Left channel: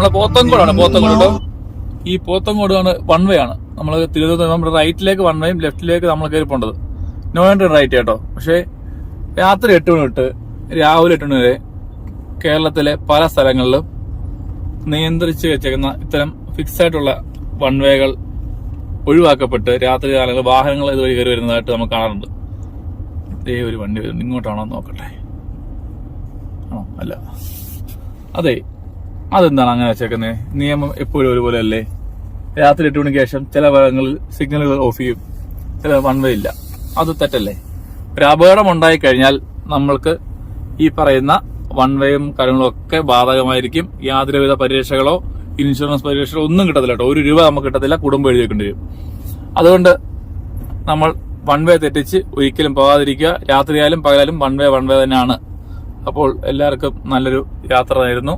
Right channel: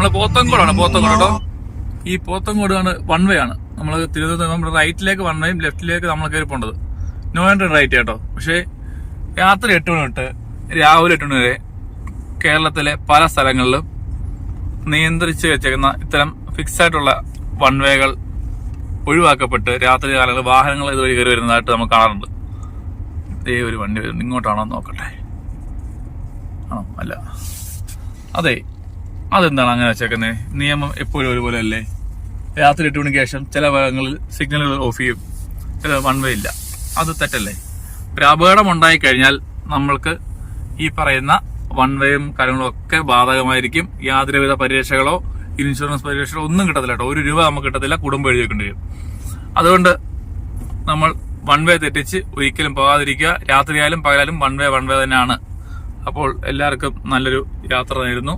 നമ്മളെ പോത്തങ്കോടാണ്. പോത്തങ്കോട് കേട്ടോ. ഈ പോത്തങ്കോടാണ് വൺ വേ ആണ്. നമ്മൾ തിരുവനന്തപുരം നമ്മുടെ റൈറ്റിലേക്ക് വൺ വേയും ലെഫ്റ്റിലേക്ക് നമ്മൾ കയറി പോകേണ്ടത്. നോ എൻട്രി റൈറ്റ് കേട്ടോ. പക്ഷേ രാത്രി 8 മണി തൊട്ട് രാവിലെ 8 മണി വരെ കേരളത്തിലെ പല സ്ഥലങ്ങളിലും നിയന്ത്രിച്ച് വെച്ചേക്കുന്ന ഇത്തരം ഫിക്സ് ആയിട്ടുള്ള വൺ വേകൾ ഒഴിവാക്കപ്പെട്ട് രാത്രി കാലങ്ങളിൽ വാഹനങ്ങൾ ഇതുവഴി കയറി വരുന്നതായിട്ട് നമ്മൾ കാണാറുണ്ട്. ഇതേ ഒരു വണ്ടി വരുന്നുണ്ട്. ഇങ്ങോട്ടാണോ നോക്കട്ടെ. ആണോ? അല്ല. അതെ, അതെന്താണ് അങ്ങനെ വെച്ചേക്കുന്നത്? നിയമം എപ്പോഴും ഒരുപോലെ അല്ലേ? രാത്രി 8 മണിക്ക് ശേഷം ചില ഭാഗങ്ങളിൽ സിഗ്നലുകൾ ഓഫ് ചെയ്യും, ചില വൺ വേ ഇല്ല. അത് തെറ്റല്ലേ? ഒരു അപകടം ഉണ്ടായിക്കഴിഞ്ഞാൽ നമ്മൾക്ക് ഈ പറയുന്ന വൺ വേയും കാര്യങ്ങളും ഒക്കെ ബാധകമായിരിക്കും. യാതൊരുവിധ പരിരക്ഷകളോ ഇൻഷുറൻസ് പരിരക്ഷകളോ ഒന്നും കിട്ടത്തില്ല കേട്ടോ. 1 രൂപ നമുക്ക് കിട്ടത്തില്ല, കുടുംബം എഴുതി വെക്കേണ്ടി വരും. അതുകൊണ്ട് നമ്മൾ വൺ വേ തെറ്റിച്ച് ഒരിക്കലും പോകാതിരിക്കുക. രാത്രിയായാലും പകലായാലും വൺ വേ തന്നെയാണ്. അപ്പോൾ എല്ലാവർക്കും നല്ലൊരു യാത്ര ആയിരുന്നു.